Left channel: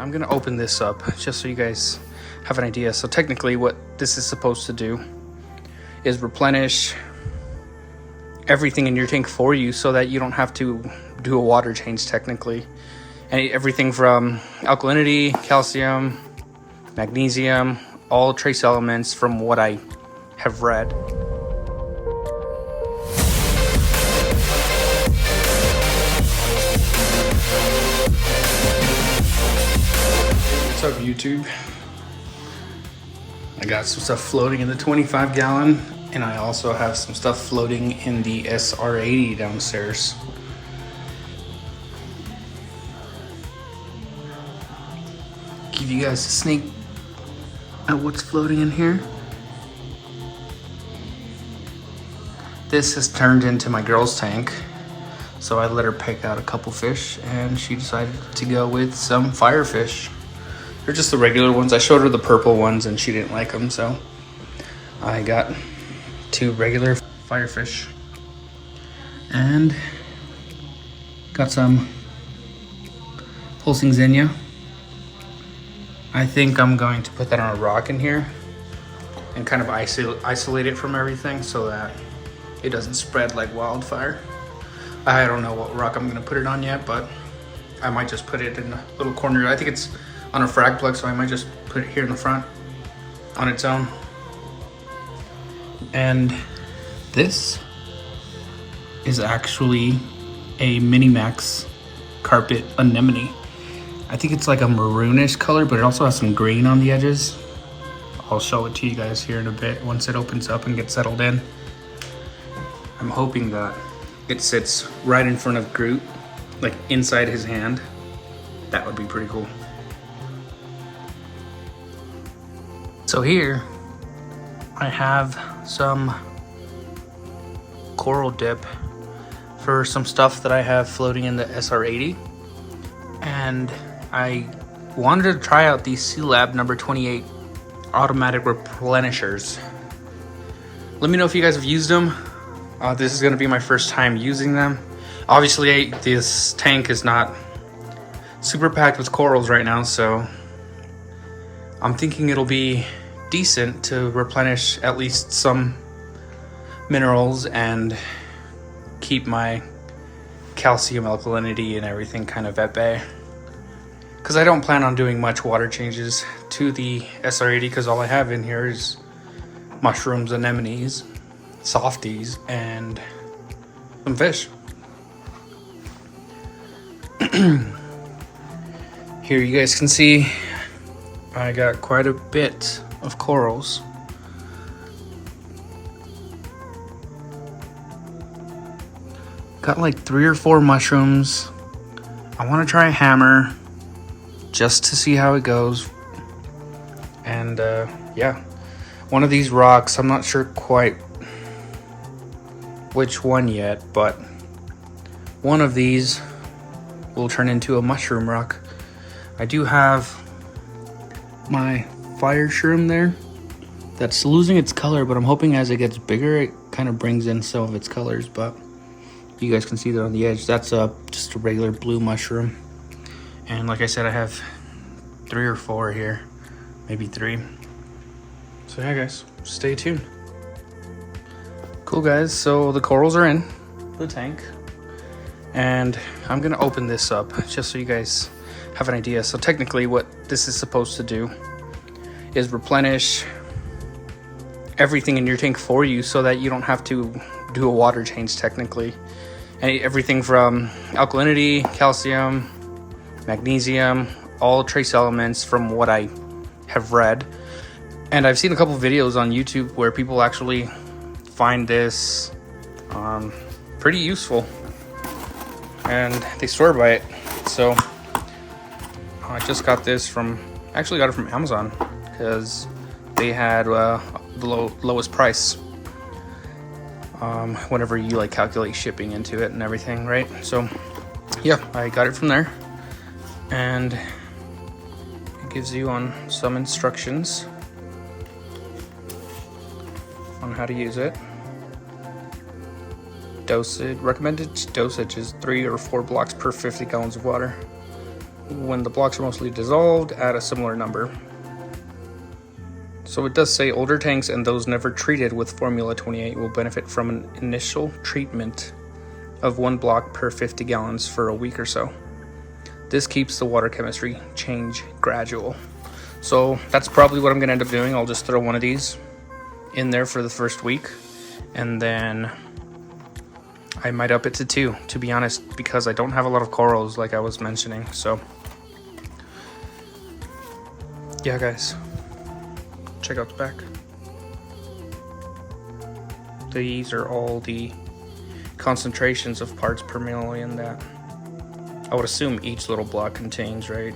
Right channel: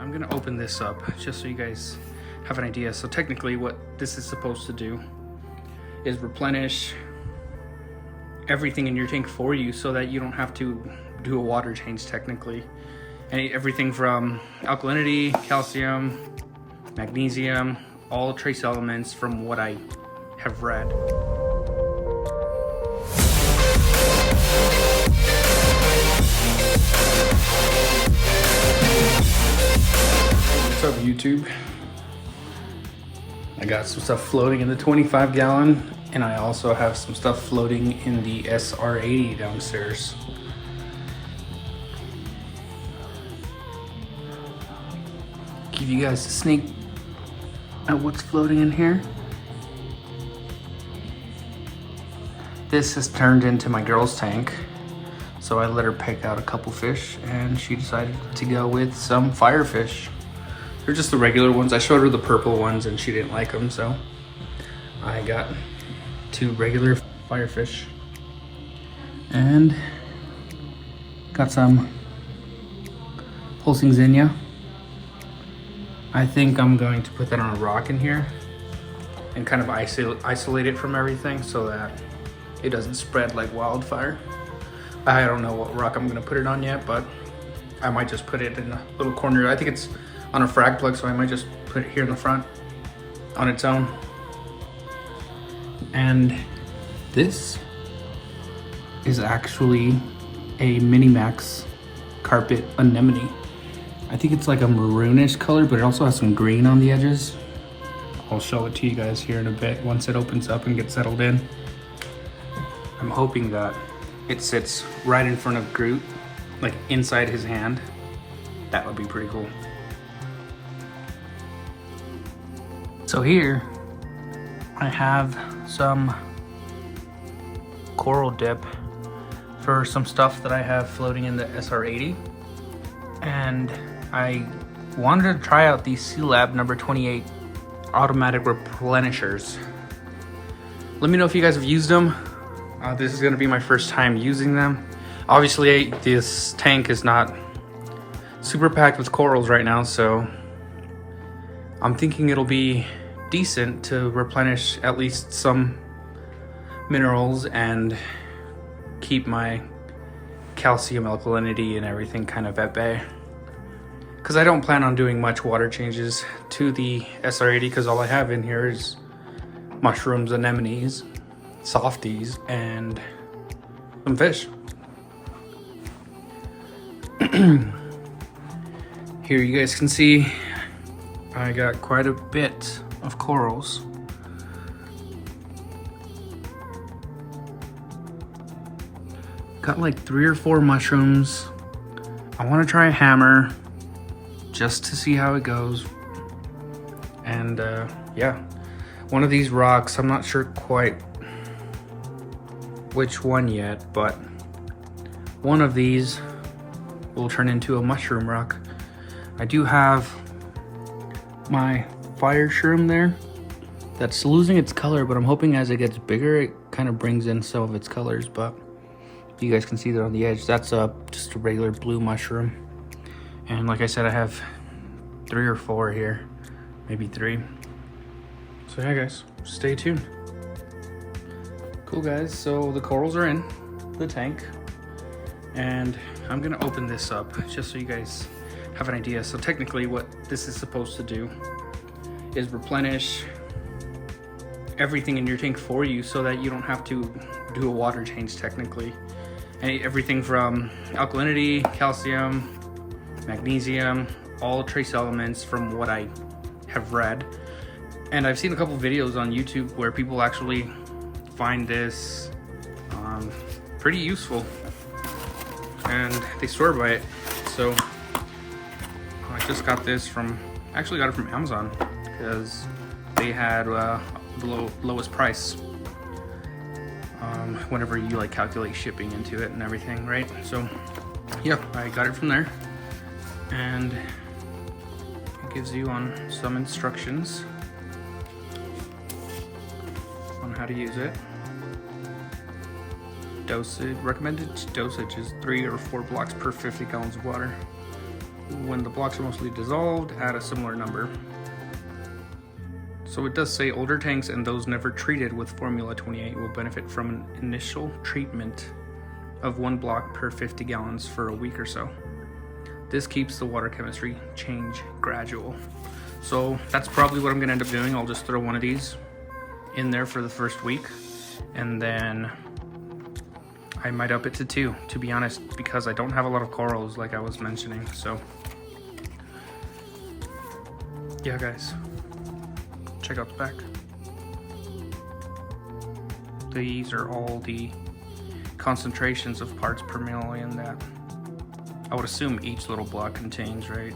I'm gonna open this up just so you guys have an idea. So technically what this is supposed to do is replenish everything in your tank for you so that you don't have to do a water change technically. And everything from alkalinity, calcium, magnesium, all trace elements from what I have read. What's up, YouTube? I got some stuff floating in the 25 gallon, and I also have some stuff floating in the SR-80 downstairs. Give you guys a sneak at what's floating in here. This has turned into my girl's tank, so I let her pick out a couple fish, and she decided to go with some firefish. They're just the regular ones. I showed her the purple ones and she didn't like them, so I got two regular firefish and got some pulsing zinnia. I think I'm going to put that on a rock in here and kind of isolate it from everything so that it doesn't spread like wildfire. I don't know what rock I'm gonna put it on yet, but I might just put it in a little corner. I think it's on a frag plug, so I might just put it here in the front on its own. And this is actually a Minimax carpet anemone. I think it's like a maroonish color, but it also has some green on the edges. I'll show it to you guys here in a bit once it opens up and gets settled in. I'm hoping that it sits right in front of Groot, like inside his hand. That would be pretty cool. So here I have some coral dip for some stuff that I have floating in the SR-80. And I wanted to try out these Sealab number 28 automatic replenishers. Let me know if you guys have used them. This is gonna be my first time using them. Obviously, this tank is not super packed with corals right now, so I'm thinking it'll be decent to replenish at least some minerals and keep my calcium, alkalinity, and everything kind of at bay. Because I don't plan on doing much water changes to the SR-80 because all I have in here is mushrooms, anemones, softies, and some fish. Here you guys can see I got quite a bit of corals. Got like 3 or 4 mushrooms. I want to try a hammer just to see how it goes. And yeah, one of these rocks, I'm not sure quite which one yet, but one of these will turn into a mushroom rock. I do have my fire shroom there that's losing its color, but I'm hoping as it gets bigger it kind of brings in some of its colors. But you guys can see that on the edge, that's just a regular blue mushroom. And like I said, I have 3 or 4 here, maybe 3. So yeah guys, stay tuned. Cool guys, so the corals are in the tank and I'm gonna open this up just so you guys have an idea. So technically what this is supposed to do is replenish everything in your tank for you so that you don't have to do a water change technically. And everything from alkalinity, calcium, magnesium, all trace elements from what I have read. And I've seen a couple videos on YouTube where people actually find this pretty useful and they swear by it. So I just got this from, actually got it from Amazon because they had the lowest price whenever you like calculate shipping into it and everything, right? So yeah, I got it from there, and it gives you on some instructions on how to use it. Dosage, recommended dosage is 3 or 4 blocks per 50 gallons of water. when the blocks are mostly dissolved, add a similar number. So it does say older tanks and those never treated with Formula 28 will benefit from an initial treatment of 1 block per 50 gallons for a week or so. This keeps the water chemistry change gradual. So that's probably what I'm gonna end up doing. I'll just throw one of these in there for the first week, and then I might up it to 2, to be honest, because I don't have a lot of corals like I was mentioning. So yeah, guys, check out the back. These are all the concentrations of parts per million that I would assume each little block contains, right?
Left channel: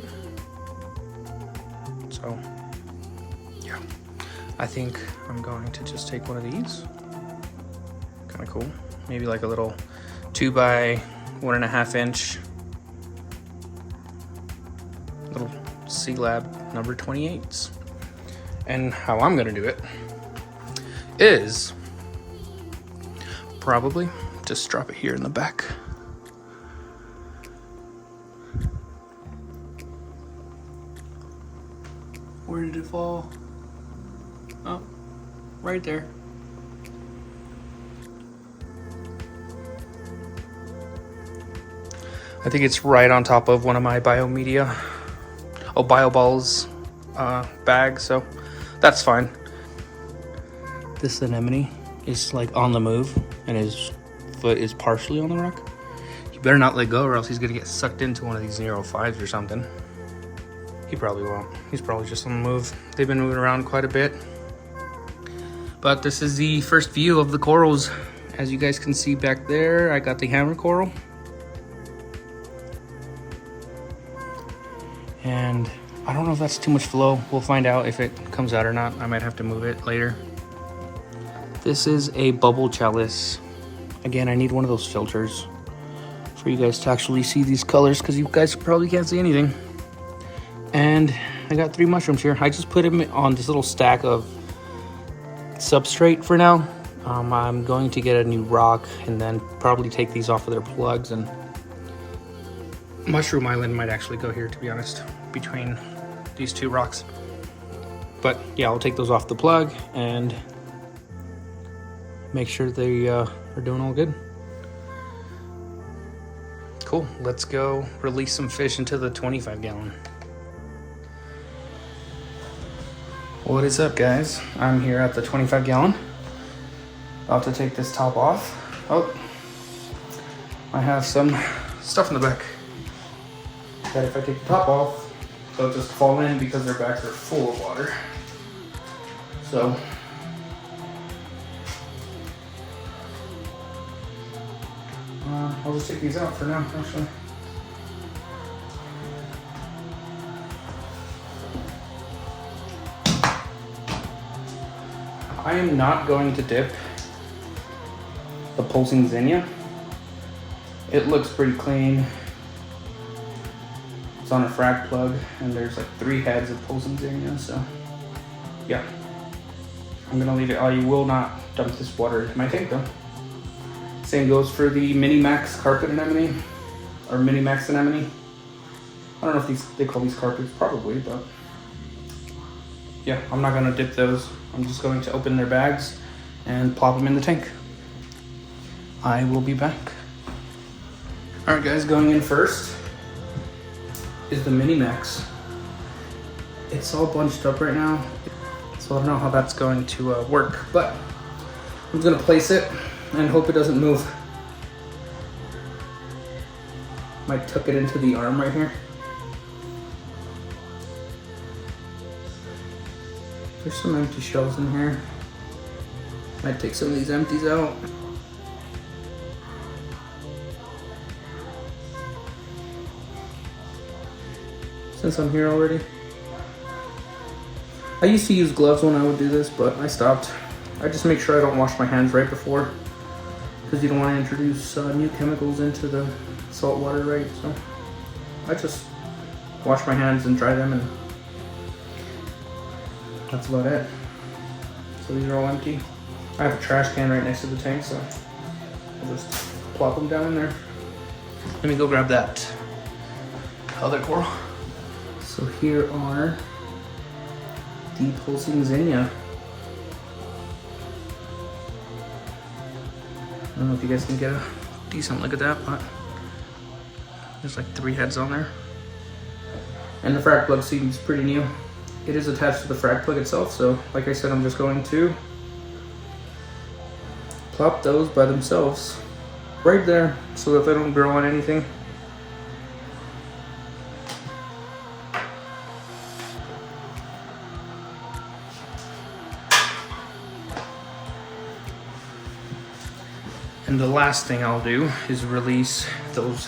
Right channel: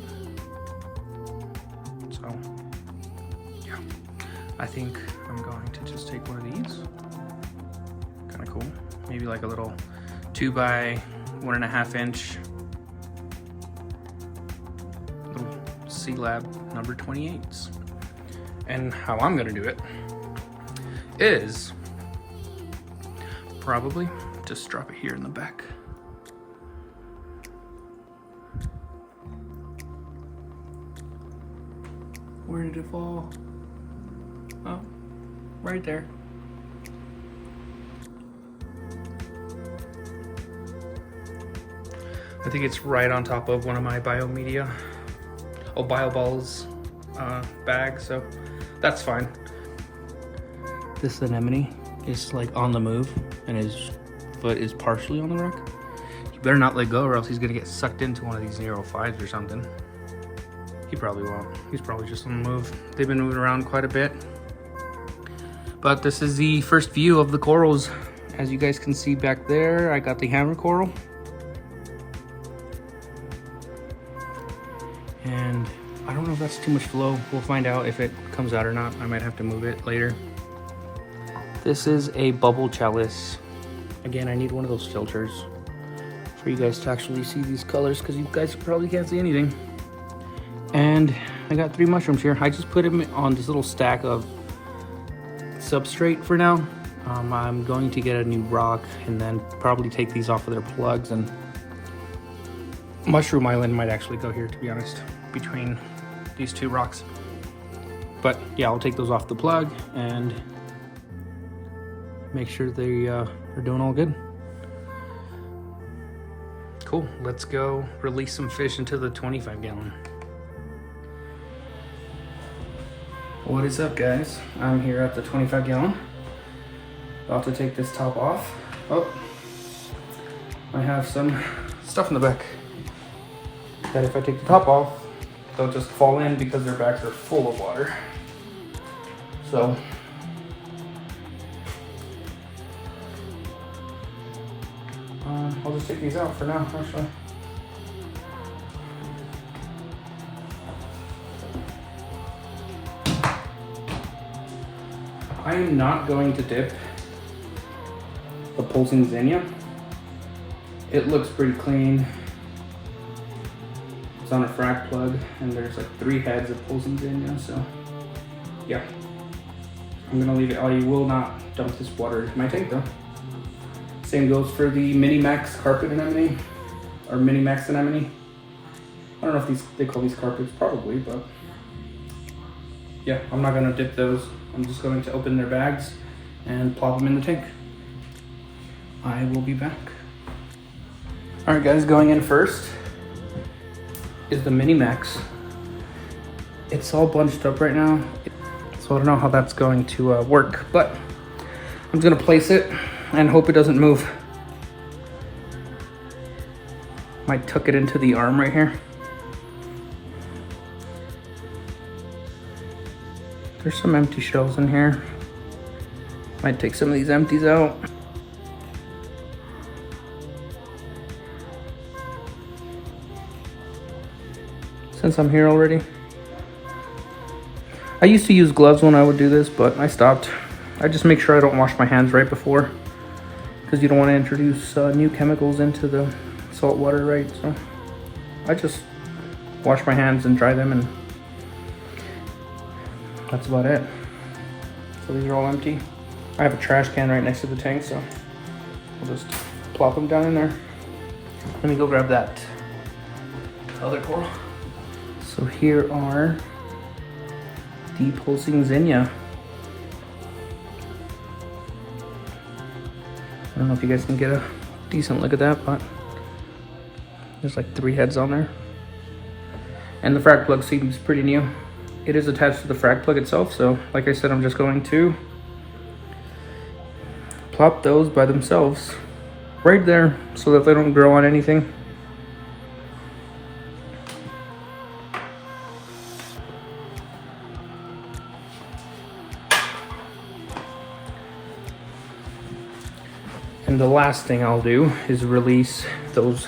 So yeah, I think I'm going to just take one of these. Kind of cool. Maybe like a little 2 by 1.5 inch little Sealab number 28s. And how I'm gonna do it is probably just drop it here in the back. Where did it fall? Oh, right there. I think it's right on top of one of my biomedia, BioBalls bags, so that's fine. This anemone is like on the move and his foot is partially on the rock. You better not let go or else he's gonna get sucked into one of these Nero 5s or something. He probably won't. He's probably just on the move. They've been moving around quite a bit. But this is the first view of the corals. As you guys can see back there, I got the hammer coral. And I don't know if that's too much flow. We'll find out if it comes out or not. I might have to move it later. This is a bubble chalice. Again, I need one of those filters for you guys to actually see these colors because you guys probably can't see anything. And I got 3 mushrooms here. I just put them on this little stack of substrate for now. I'm going to get a new rock and then probably take these off of their plugs, and Mushroom Island might actually go here, to be honest, between these 2 rocks. But yeah, I'll take those off the plug and make sure they are doing all good. Cool, let's go release some fish into the 25 gallon. What is up, guys? I'm here at the 25 gallon. About to take this top off. Oh, I have some stuff in the back. And if I take the top off, they'll just fall in because their backs are full of water. So I'll just take these out for now, actually. I am not going to dip the pulsing Xenia. It looks pretty clean. It's on a frac plug and there's like 3 heads of pulsing Xenia, so yeah. I'm gonna leave it. I will not dump this water into my tank though. Same goes for the Mini-Max carpet anemone, or Mini-Max anemone. I don't know if they call these carpets, probably, but yeah, I'm not gonna dip those. I'm just going to open their bags and plop them in the tank. I will be back. All right, guys, going in first is the Mini-Max. It's all bunched up right now, so I don't know how that's going to work, but I'm gonna place it and hope it doesn't move. Might tuck it into the arm right here. There's some empty shells in here. Might take some of these empties out. Since I'm here already. I used to use gloves when I would do this, but I stopped. I just make sure I don't wash my hands right before, because you don't want to introduce new chemicals into the salt water, right? So I just wash my hands and dry them, and that's about it. So these are all empty. I have a trash can right next to the tank, so I'll just plop them down in there. Let me go grab that other coral. So here are the pulsing zinnia. I don't know if you guys can get a decent look at that, but there's like 3 heads on there. And the frag plug seems pretty new. It is attached to the frag plug itself, so like I said, I'm just going to plop those by themselves right there so that they don't grow on anything. And the last thing I'll do is release those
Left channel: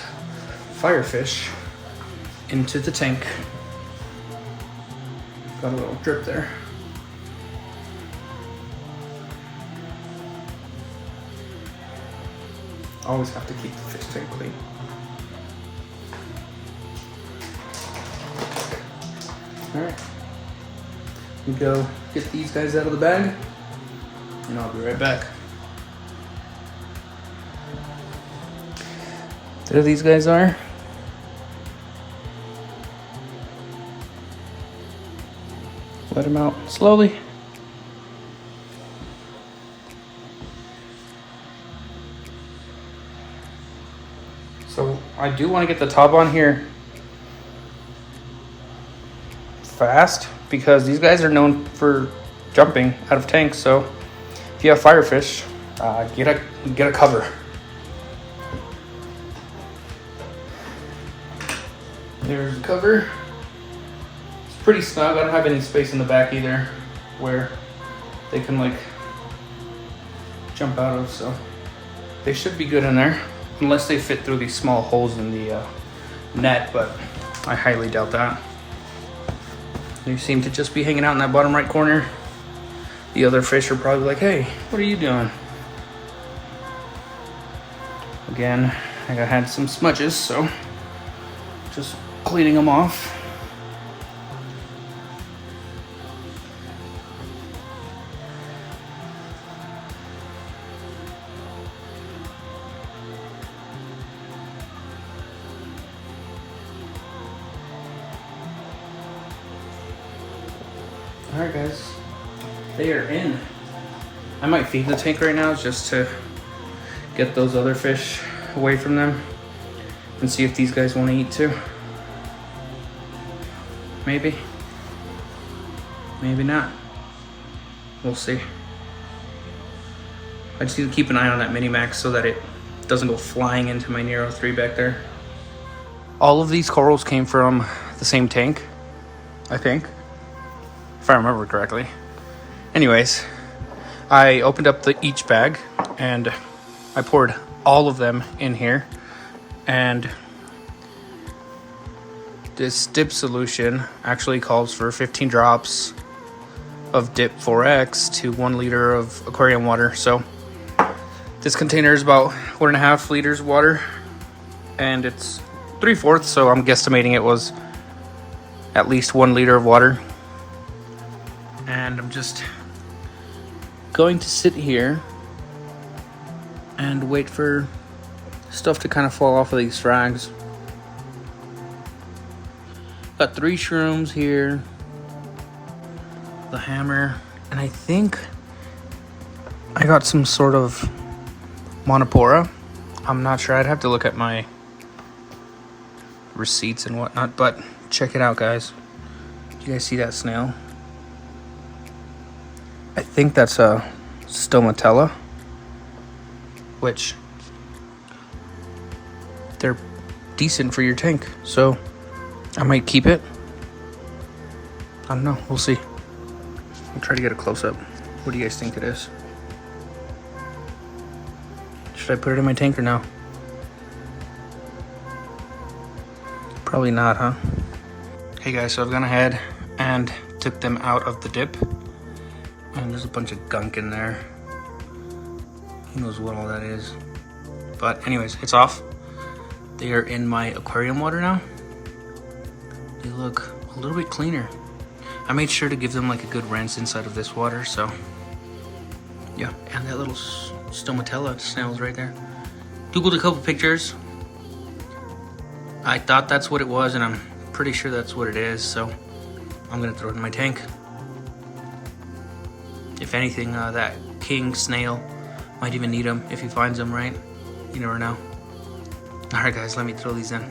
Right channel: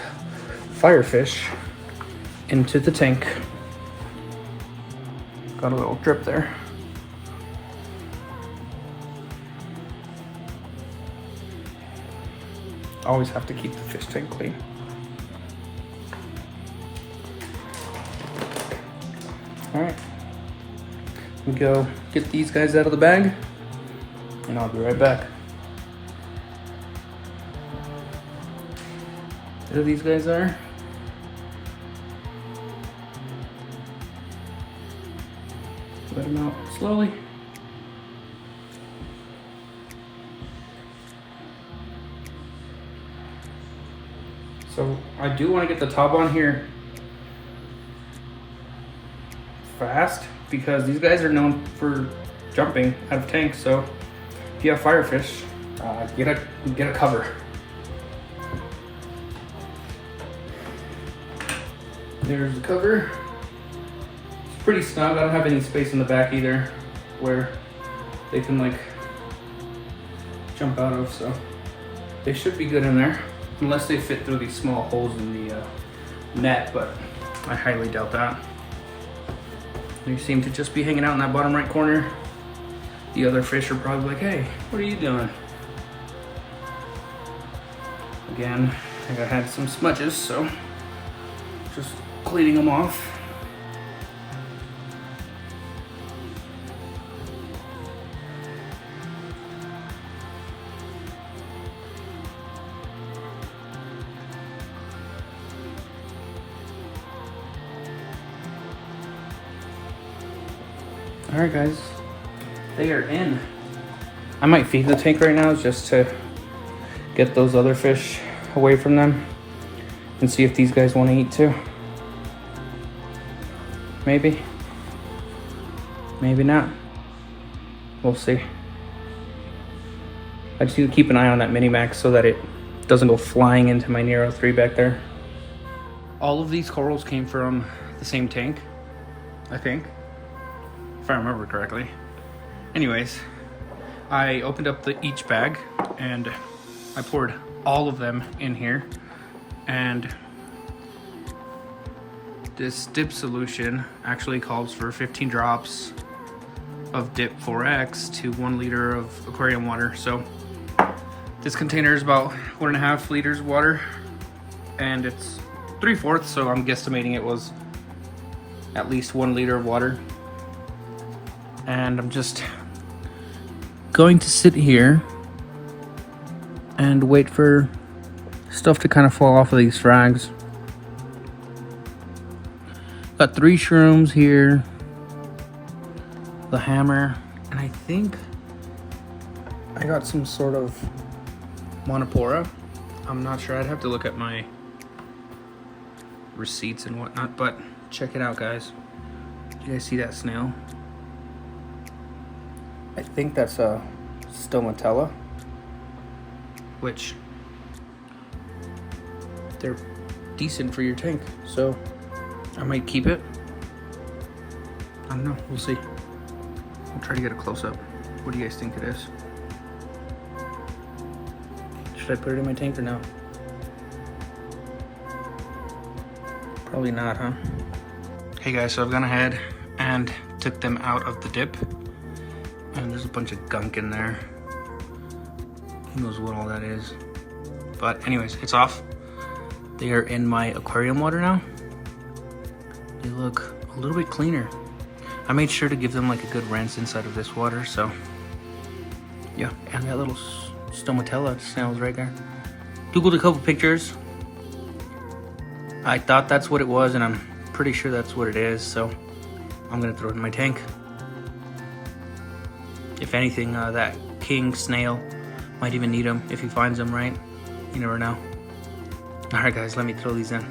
firefish into the tank. Got a little drip there. Always have to keep the fish tank clean. All right, we go get these guys out of the bag, and I'll be right back. There these guys are. Let them out slowly. So I do want to get the top on here fast because these guys are known for jumping out of tanks. So if you have firefish, get a cover. There's the cover. It's pretty snug. I don't have any space in the back either where they can like jump out of, so they should be good in there unless they fit through these small holes in the net, but I highly doubt that. They seem to just be hanging out in that bottom right corner. The other fish are probably like, hey, what are you doing? Again, I had some smudges, so just cleaning them off. All right, guys, they are in. I might feed the tank right now just to get those other fish away from them and see if these guys want to eat too. Maybe. Maybe not. We'll see. I just need to keep an eye on that Mini-Max so that it doesn't go flying into my Nero 3 back there. All of these corals came from the same tank, I think, if I remember correctly. Anyways, I opened up each bag and I poured all of them in here, and this dip solution actually calls for 15 drops of dip 4X to 1 liter of aquarium water. So this container is about 1.5 liters of water and it's 3/4, so I'm guesstimating it was at least 1 liter of water. And I'm just going to sit here and wait for stuff to kind of fall off of these frags. Got 3 shrooms here, the hammer, and I think I got some sort of monopora. I'm not sure, I'd have to look at my receipts and whatnot, but check it out, guys. Do you guys see that snail? I think that's a stomatella, which they're decent for your tank, so I might keep it. I don't know, we'll see. I'll try to get a close-up. What do you guys think it is? Should I put it in my tank or no? Probably not, huh? Hey guys, so I've gone ahead and took them out of the dip. And there's a bunch of gunk in there. Who knows what all that is. But anyways, it's off. They are in my aquarium water now. They look a little bit cleaner. I made sure to give them like a good rinse inside of this water, so yeah. And that little stomatella snail is right there. Googled a couple pictures. I thought that's what it was, and I'm pretty sure that's what it is, so I'm gonna throw it in my tank. If anything, that king snail might even need them if he finds them, right? You never know. Alright guys, let me throw these in.